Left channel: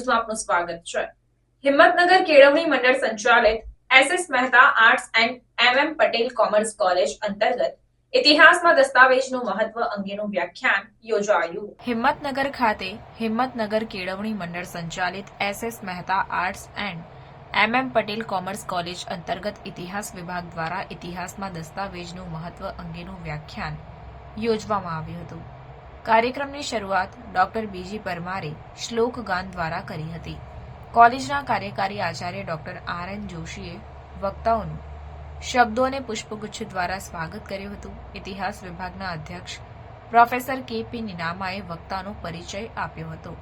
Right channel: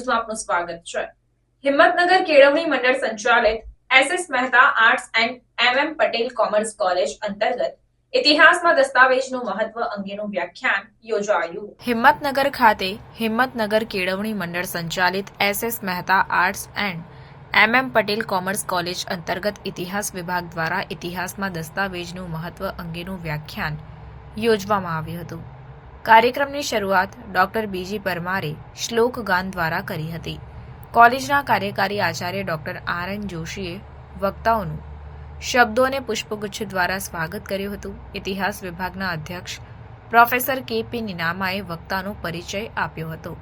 ન્યૂઝમાં આપનું સ્વાગત છે। હિંમતનગર કેળવણી મંડળ સંચાલિત S S. Mehta arts and M M. Patel commerce college અંતર્ગત ઇતિહાસમાં દસ્તાવેજનું મહત્વ અંગેનું વ્યાખ્યાન યોજાયું। હિંમતનગર ખાતે હિંમતનગર કેળવણી મંડળ સંચાલિત S S. Mehta arts and M M. Patel commerce college અંતર્ગત ઇતિહાસ વિભાગ દ્વારા ઇતિહાસમાં દસ્તાવેજનું મહત્વ અંગેનું વ્યાખ્યાન યોજવામાં આવ્યું હતું। કાર્યક્રમની શરૂઆત ડોક્ટર બીજી પરમારે શ્લોક ગાન દ્વારા કરી હતી। કોલેજના કાર્યકારી આચાર્ય ડોક્ટર આર.એન. જોશીએ વક્તાઓનું શબ્દો અને પુષ્પગુચ્છ દ્વારા સ્વાગત કર્યું હતું। ઇતિહાસ વિભાગના અધ્યક્ષ પ્રોફેસર કે.પી. નીનામાએ વક્તાનો પરિચય આપ્યો હતો।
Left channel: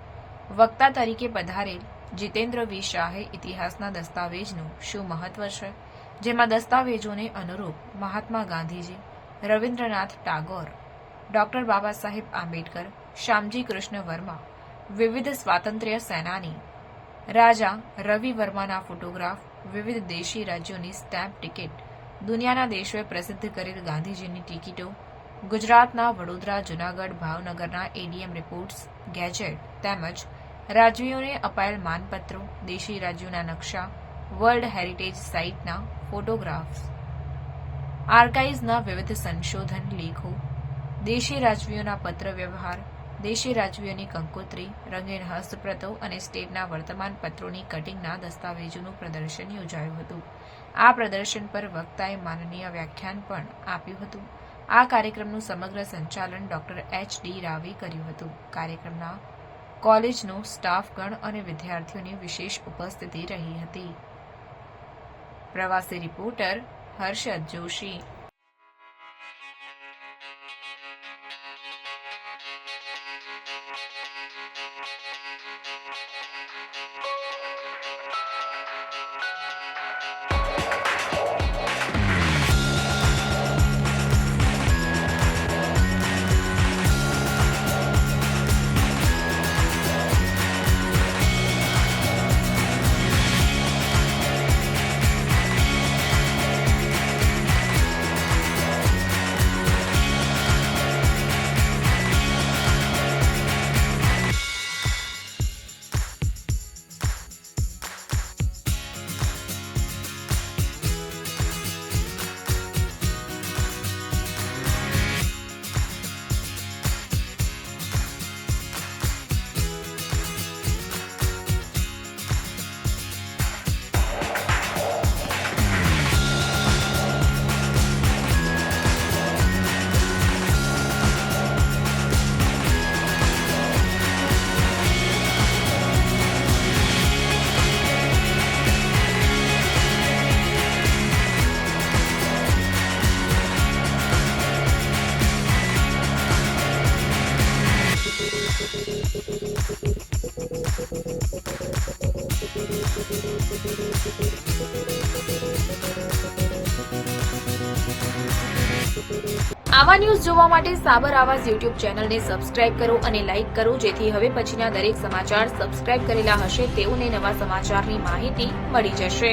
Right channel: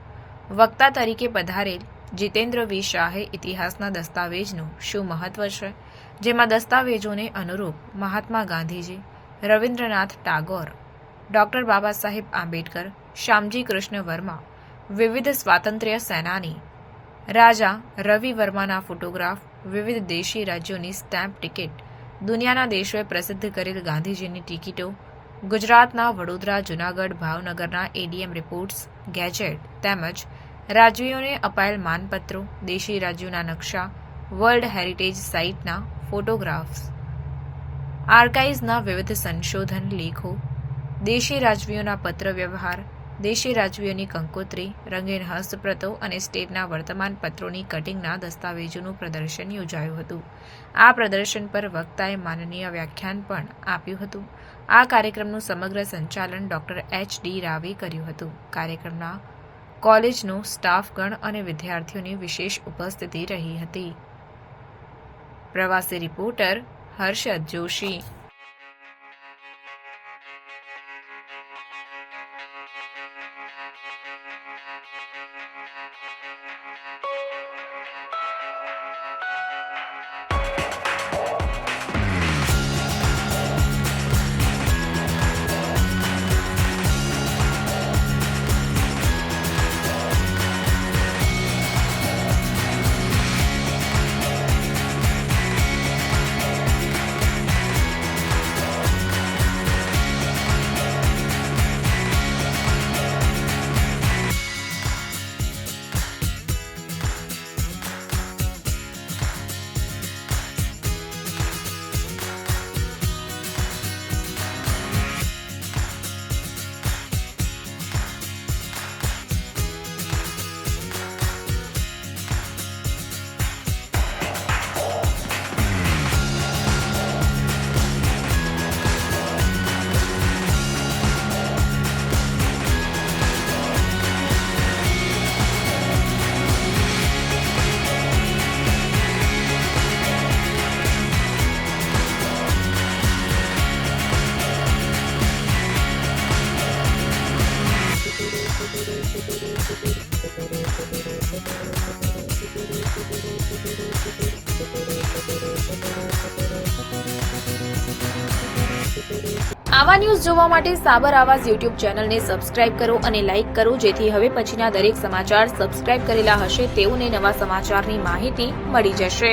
વક્તા તરીકે પધારેલ જીતેન્દ્ર વી શાહે ઇતિહાસના દસ્તાવેજનું શું મહત્વ છે, જેમાં દસ્તાવેજોને અનુરૂપ મહાત્મા ગાંધીજી, રવિન્દ્રનાથ ટાગોર, ડોક્ટર બાબા સાહેબ આંબેડકર, શ્યામજી કૃષ્ણ વર્મા, વિવિધ સ્વાતંત્ર્ય સેનાની, રાજા રવિ વર્માના ફોટોગ્રાફ, વિવિધ દેશી રાજ્યોની સ્ટેમ્પ ટિકિટ, દુનિયાના દેશોએ પ્રસિદ્ધ કરેલ ગાંધીજીની ટિકિટો, ગુજરાતના વડોદરા, જૂનાગઢ, ભાવનગરના એડીએમ રિપોર્ટ્સ, ગેજેટ તેમજ રાજ્યોને અપાયેલ માનપત્રો, દેશી રાજ્યોના નકશા, વર્લ્ડ હેરિટેજ સાઇટના ફોટોગ્રાફ્સ, આર્કાઇવ્સના વિવિધ સંશોધન લેખો, દેશી રાજવીઓના પત્ર વ્યવહાર, દેશી રાજવીઓની કંકોત્રી, રંગીન હસ્તપ્રતો અને સ્ટેટના વર્તમાન પત્રોની કટિંગના દસ્તાવેજોનું પ્રદર્શન યોજાયું હતું। આ પ્રદર્શન પર વક્તાએ માનનીય વ્યાખ્યાન પણ આપ્યું હતું। આ કાર્યક્રમનું સમગ્ર સંચાલન ડોક્ટર એચ.ડી. રાવે કર્યું હતું। કાર્યક્રમના કોલેજનો સ્ટાફગણ અને વિદ્યાર્થીઓની વિશેષ ઉપસ્થિતિ રહી હતી। પ્રવાસી રિપોર્ટર હર્ષદ જોશી। આવા ન્યૂઝ જોવા માટે સાબર આવાઝ યુટ્યુબ ચેનલને સબસ્ક્રાઇબ કરો અને લાઇક કરો, જેથી હવે પછીના દરેક સમાચાર સબસ્ક્રાઇબ કરેલા હશે તેઓને નવા સમાચારની માહિતી મળી જશે।